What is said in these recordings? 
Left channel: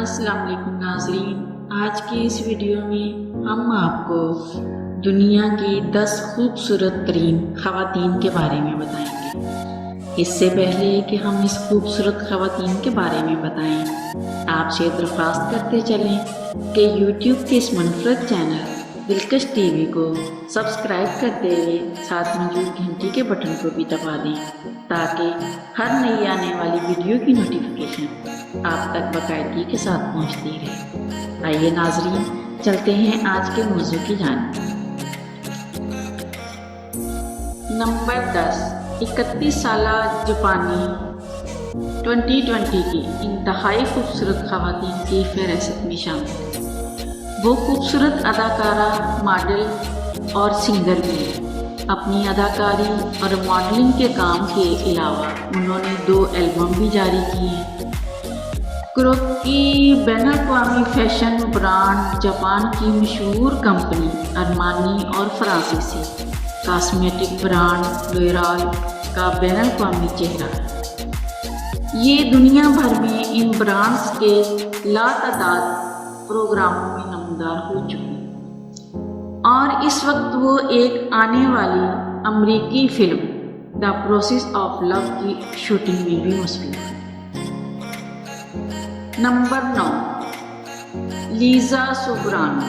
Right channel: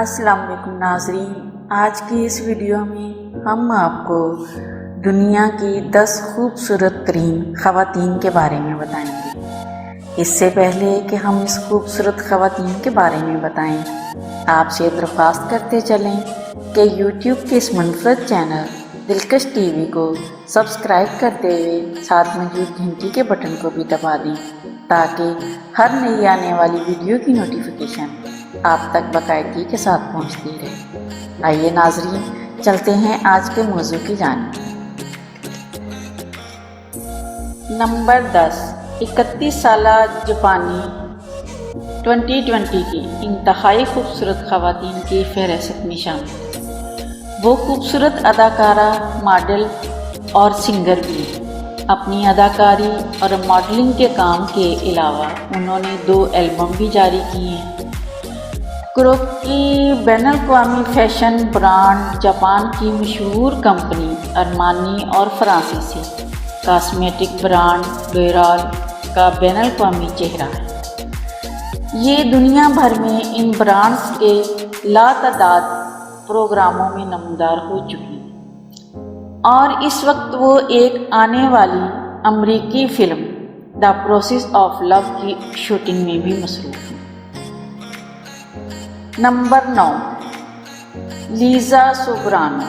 السلام علیکم ناظرین، آج کی اس ویڈیو میں ہم آپ کو دنیا کی 10 خوبصورت ترین خواتین کے بارے میں بتائیں گے۔ اس سے پہلے کہ ہم اس خوبصورت خواتین کے بارے میں بتائیں، آپ سے درخواست کرتے چلیں کہ یوٹیوب کے اس منفرد چینل دلکش ٹی وی کو سبسکرائب کرتے ہوئے ساتھ موجود گھنٹی کے بٹن کو بھی دبا دیں تاکہ ہر نئی آنے والی ویڈیو کی نوٹیفیکیشن آپ تک باقاعدگی کے ساتھ پہنچتی رہے۔ آئیے ناظرین، چلتے ہیں آج کے موضوع کی جانب۔ نمبر 10، 31 سالہ جاپانی 2020 کی انتہائی خوبصورت خواتین کی فہرست میں شامل۔ وہ خوبصورت اداکارہ، ماڈل اور سنگر بھی ہیں۔ اپنی اداکاری اور ماڈلنگ کے کام کے علاوہ انہوں نے 2 البم بھی جاری کیے ہیں۔ کروکی بین الاقوامی فیشن برانڈ، جاپان کی مشہور کمپنی ارمانی اور فرانسیسی کاسمیٹک برانڈ لوریال کا بین الاقوامی چہرہ ہے۔ یہ دنیا بھر میں ان برانڈز کے لاتعداد پروگراموں میں نمودار ہو چکی اور اس وقت وہ ایک آنے والی امریکی فلم دی پروسیس آف لو کی شوٹنگ میں بھی مصروف ہیں۔ Number 9، Liza Soberano.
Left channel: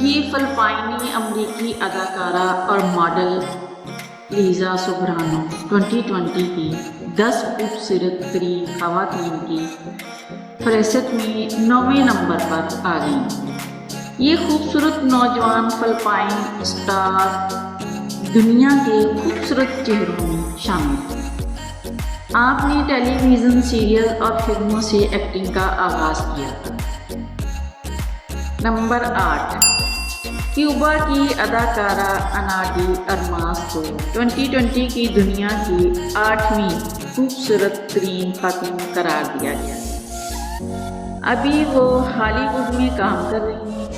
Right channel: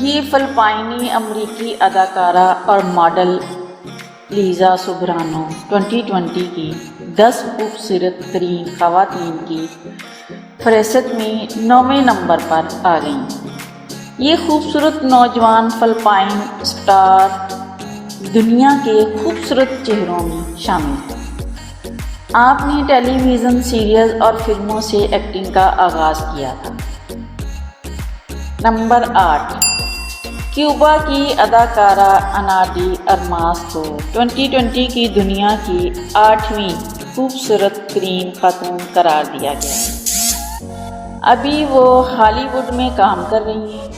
یہ فلپائنی امریکی اداکارہ اور ماڈل لیزا سوبرانو 2020 کی 10 خوبصورت ترین خواتین کی فہرست میں 9ویں نمبر پر آ گئیں۔ یہ خوبصورت نوجوان فلپائن اسٹار دنیا کے خوبصورت چہروں میں شامل ہے۔ آپ نے ٹیلی ویژن سیریز اور فلموں سے ایکٹنگ کا آغاز کیا تھا۔ نمبر 8، کیوبا کی اداکارہ انا ڈی ارماس کو 2020 کی دنیا کی 8ویں خوبصورت ترین خاتون قرار دیا گیا۔ ابھی وہ ہالی ووڈ میں کام کر رہی ہیں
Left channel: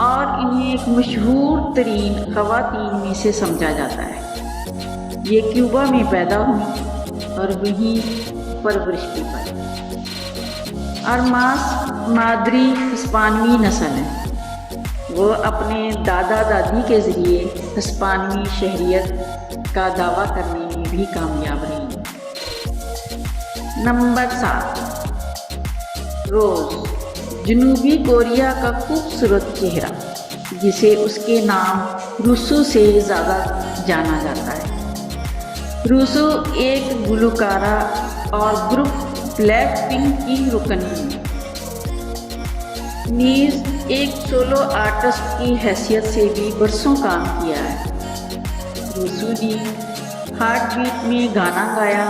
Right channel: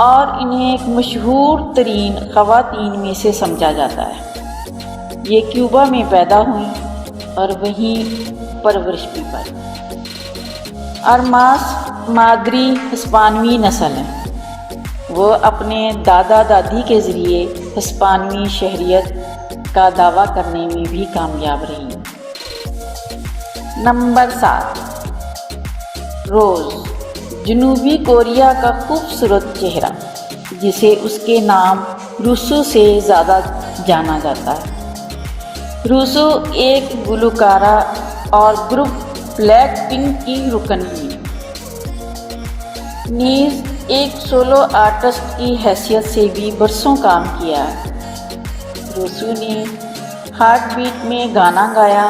اور انہیں ایک مشہور ترین خواتین میں سے سمجھا جاتا ہے۔ یہ کیوبا میں پیدا ہوئیں اور وہیں پرورش بھی پائی۔ ارماس مادری ہسپانوی نسل ہے۔ وہ اپنے دادا دادی کے ذریعے ہسپانوی شہریت کا دعویٰ کرنے میں بھی کامیاب رہی ہیں۔ نمبر 7، روز۔ جنوبی کوریا کا خوبصورت چہرہ جسے اس کے نام روسو سے زیادہ جانا جاتا ہے۔ روسو ایک گلوکارہ اور گروپ بلیک پنک کی رکن بھی نیز ایک سولو آرٹسٹ کی حیثیت سے بھی برسوں کام کیا ہے۔ روسو نے ہارٹ بیٹ میں گانا گایا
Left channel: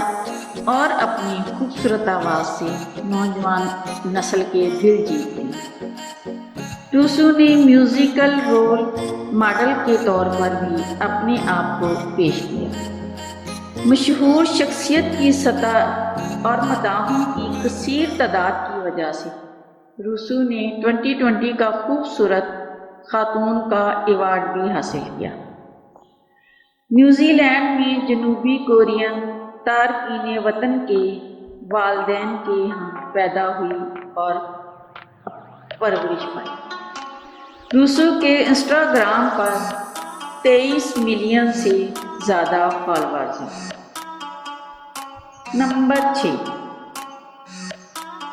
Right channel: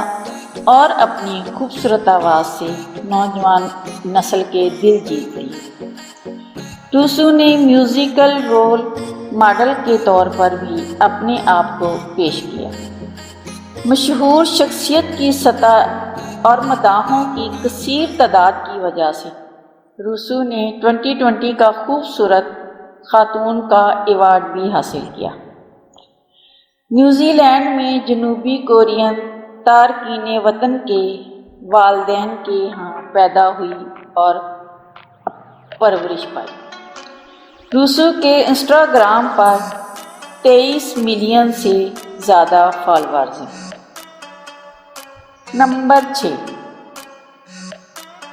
اور اپنی خوبصورت آواز سے نوجوان نسل کے دل جیت لیے۔ روسو نے میوزیکل رول ماڈل کے طور پر بھی اپنے آپ کو پیش کیا۔ مشہور شخصیت کی سطح اور مداحوں کی کثیر تعداد کی وجہ سے روسو نے 2020 کا خوبصورت خاتون کا ایوارڈ بھی حاصل کیا۔ نیوزی لینڈ میں جنوبی کورین تارکین وطن کے والدین کے ہاں پیدا ہوئی اور پرورش پائی۔ روسو کے انسٹاگرام پر 23 ملین سے زیادہ فالوورز ہیں۔ نمبر 6،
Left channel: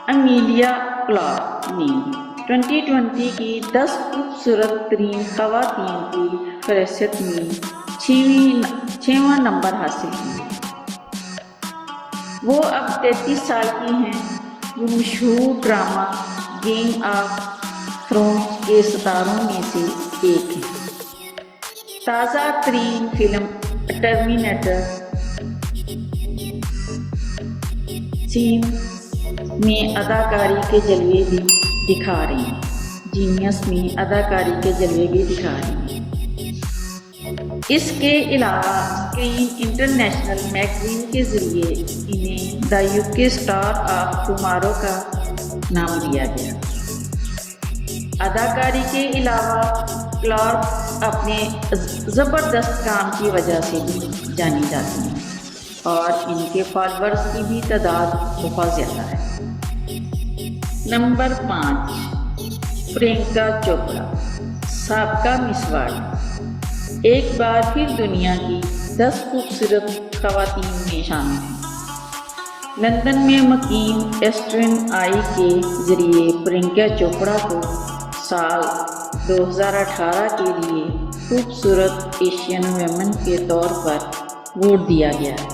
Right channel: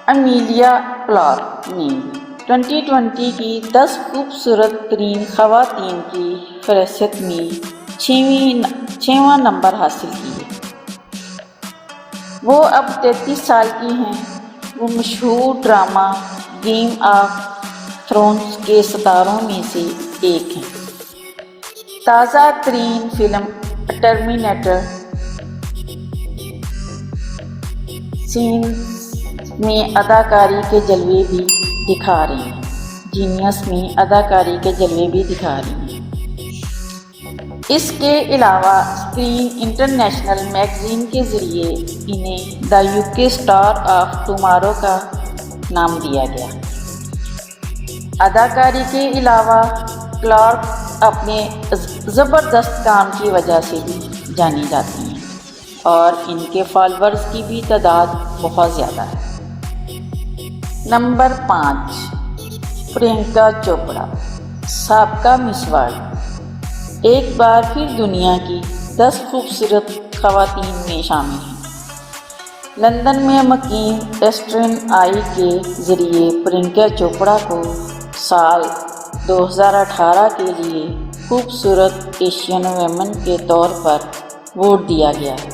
امیلیا کلارک نے 2020 کی 10 خوبصورت ترین خواتین کی فہرست میں 6واں نمبر حاصل کی ہے۔ وہ اب 33 سال کی ہیں۔ وہ مشہور ڈرامہ گیم آف تھرونز کے ستاروں میں سے ایک ہیں۔ تازہ ترین فلم ٹرمینیٹر سینز میں اداکاری کے جلوے بھی دکھا رہی ہیں۔ جینیس میں اداکاری کے جلوے بھی دکھا رہی ہیں۔ اس کے علاوہ اسکرین انٹرنیشنل میگزین کے ذریعے انہیں دی یوکے اسٹار آف ٹمارو کا نام دیا گیا۔ اداکاری کے علاوہ کلارک اپنے زبردست کام کی وجہ سے بھی جانی جاتی ہیں اور ان کے فالوورز کی بھی تعداد بہت زیادہ ہے۔ نمبر 5، پرینکا چوپڑا، سابقہ مس ورلڈ، ایک بار پھر دنیا کی 10 خوبصورت خواتین میں شامل ہیں۔ لندن میں مقیم ایسٹرن آئی کے ذریعے پرینکا چوپڑا کو سال 2018 کے لیے خوبصورت ایشین ویمن کے طور پر ووٹ دیا گیا ہے۔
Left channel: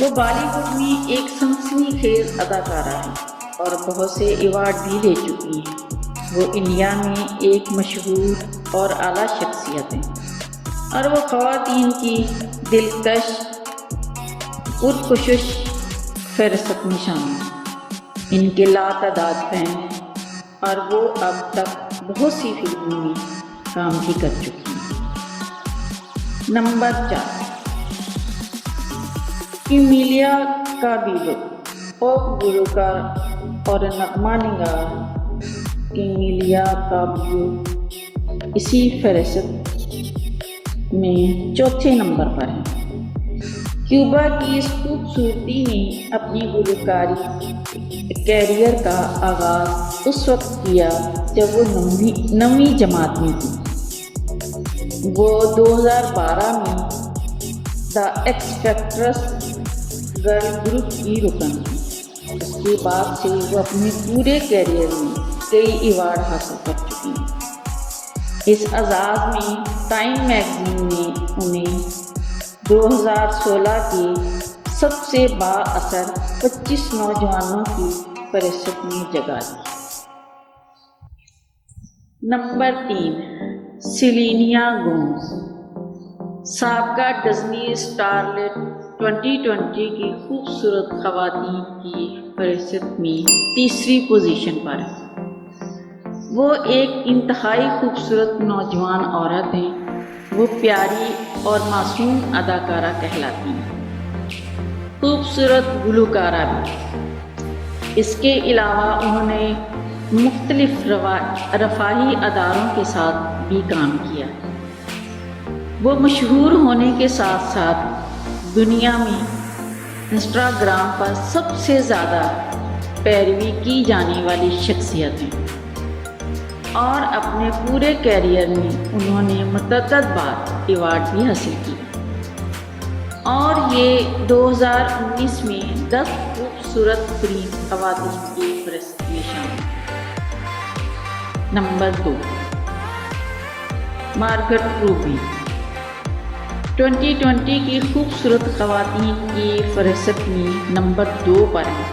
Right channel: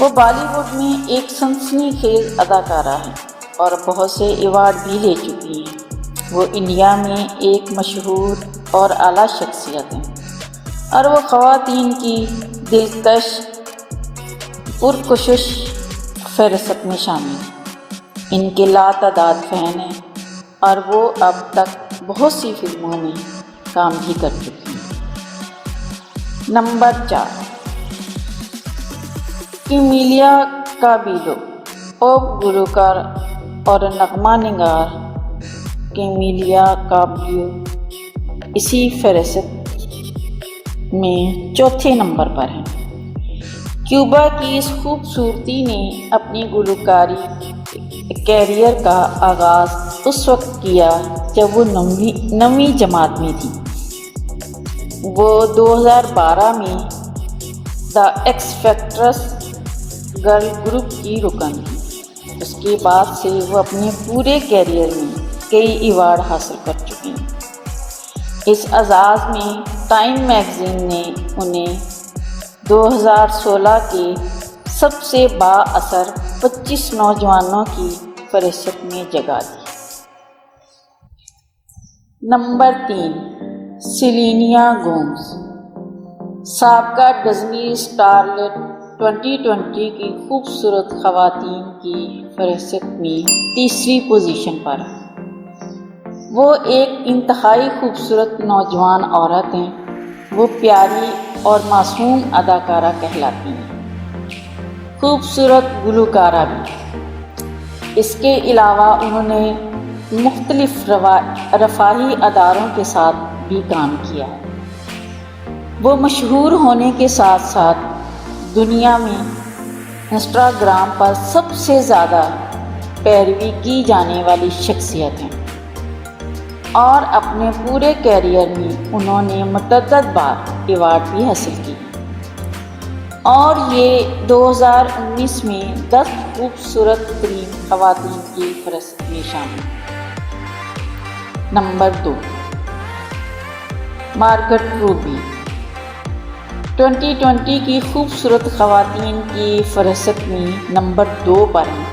وہ بالی ووڈ میں ایک سنسنی خیز اداکارہ ہیں اور بہت سے ایوارڈ بھی لے چکی ہیں۔ وہ انڈیا میں ایک مشہور اور اعلیٰ شخصیت ہیں اور وہ خواتین کی دلکش پرکشش فہرست میں شامل ہیں۔ ان کے لاتعداد فین ہیں اور وہ اب تک بہت سی فلموں میں کام بھی کر چکی ہیں۔ نمبر 4، کیمیلیا کابیلو، پاپ گلوکار اور نغمہ نگار کیمیلیا کابیلو اسی فہرست میں چوتھے نمبر پر ہیں۔ کیوبا کی اس خوبصورتی نے اپنی گلوکاری کیریئر کا آغاز اس وقت کیا جب وہ 9ویں جماعت میں تھی۔ وہ 2012 میں دا ایکس فیکٹرز گرل گروپ کی رکن تھی۔ اس کے بعد سے وہ اپنے پورے کیریئر میں کئی ایوارڈ حاصل کر چکی ہیں۔ اس اعزاز میں ٹائم میگزین نے انہیں 2016 کے سب سے با اثر 25 نوجوانوں کی فہرست میں جگہ دی۔ نمبر 3، سیلینا گومز، سابقہ ڈزنی اسٹارلیٹ 2020 کی خوبصورت خواتین کی فہرست میں تیسری پوزیشن پر ہے۔ وہ ایک انتہائی خوبصورت نوجوان عورت ہیں۔ وہ پیاری اور معصوم اداکارہ کہلاتی ہیں، خوبصورت گلوکارہ بھی۔ اس کے علاوہ انہوں نے مختلف رفاہی اداروں کے ساتھ بھی کام کیا ہے۔ وہ مشہور ہونے کے ساتھ ساتھ دنیا میں انسٹاگرام پر سب سے زیادہ پیروی کی جانے والی شخصیت ہیں اور اپنے پورے کیریئر میں انہوں نے متعدد بار ایوارڈ بھی حاصل کیے اور یہ 2019 میں 10 خوبصورت ترین خواتین کی فہرست میں شامل ہیں۔ نمبر 2، مارگٹ روبی، 2020 کی خوبصورت خواتین کی فہرست میں نمبر 2 پر ہیں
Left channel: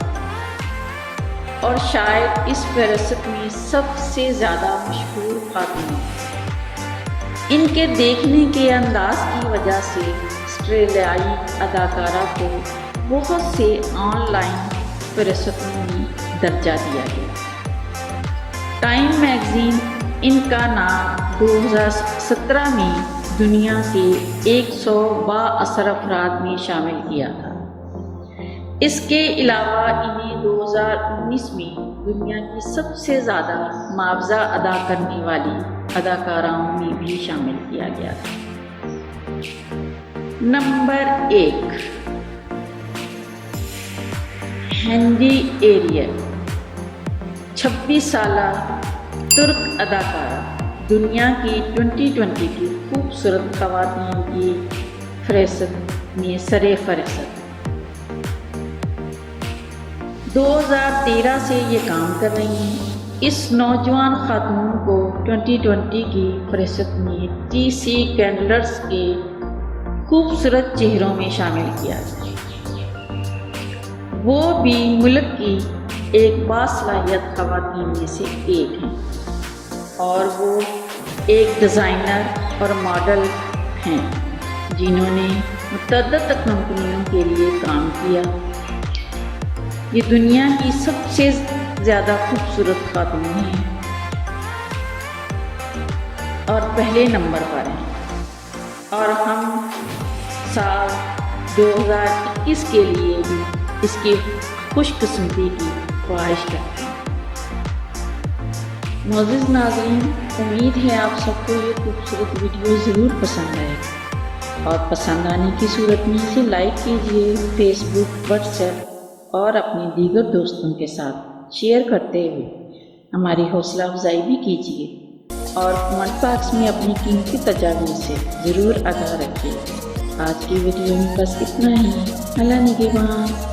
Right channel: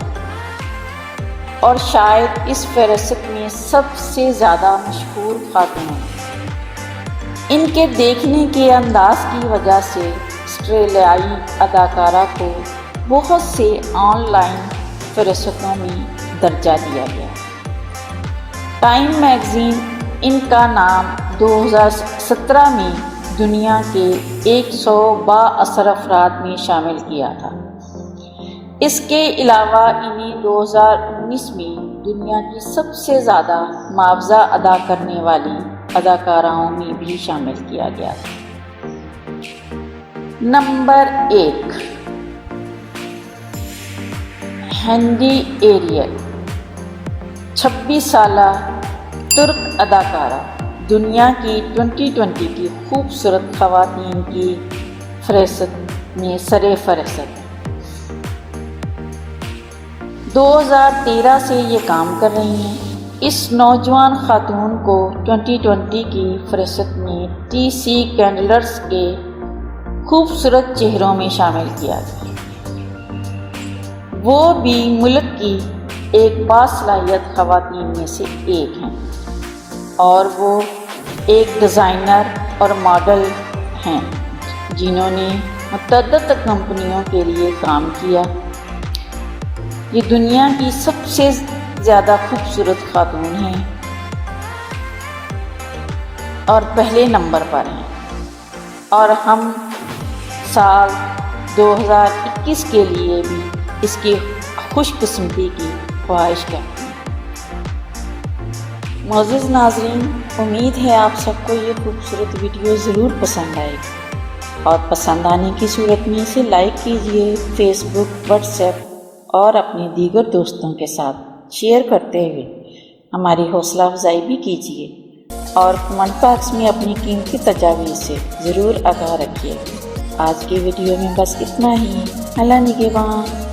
اور شاید اس فہرست میں سب سے زیادہ مشہور خاتون ہیں۔ ان کے دیکھنے کے انداز کی وجہ سے آسٹریلیائی اداکارہ کو بہت سے آن لائن فہرستوں میں درجہ دیا گیا۔ ٹائم میگزین ان کا نام 2017 میں دنیا کے 100 با اثر افراد میں شامل کیا تھا۔ اس کے علاوہ انہیں 2019 میں دنیا کی سب سے زیادہ معاوضہ ادا کرنے والی اداکاراؤں میں بھی شامل کیا گیا تھا۔ نمبر 1، ہینڈی ایریل، 26 سالہ ترک اداکارہ، دنیا کی 2020 کی خوبصورت خواتین کی فہرست میں سر فہرست۔ 2013 سے یہ کام کر رہی ہیں۔ اس نوجوان خاتون کو 2020 کی فہرست میں ٹی سی کینڈلرز کے خوبصورت چہروں میں شامل کیا۔ وہ بھی ملک کی ایک باصلاحیت خواتین میں سے ایک ہیں اور وہ ایک ڈیزائنر اور ماڈل ہیں جنہوں نے متعدد کمپنیوں کے لیے کام کیا۔ یہ دنیا کی سب سے زیادہ خوبصورت خاتون ہیں اور پہلے نمبر پر ہیں اور ہم سال 2021 کے لیے بھی اس کی خوش قسمتی کی خواہش کرتے ہیں۔ معزز ناظرین، امید ہے آپ سب کو یہ خوبصورت ویڈیو ضرور پسند آئے گی اور پسند آنے کی صورت میں اسے لائک کیجیے، فیس بک، واٹس ایپ اور اپنے دیگر دوستوں کے ساتھ شیئر کرتے ہوئے ہماری حوصلہ افزائی بھی کیجیے اور کمنٹ باکس میں اپنی قیمتی تجاویز سے ضرور آگاہ رکھیے۔ آج کے ویڈیو میں بس اتنا ہی۔ اللہ نگہبان۔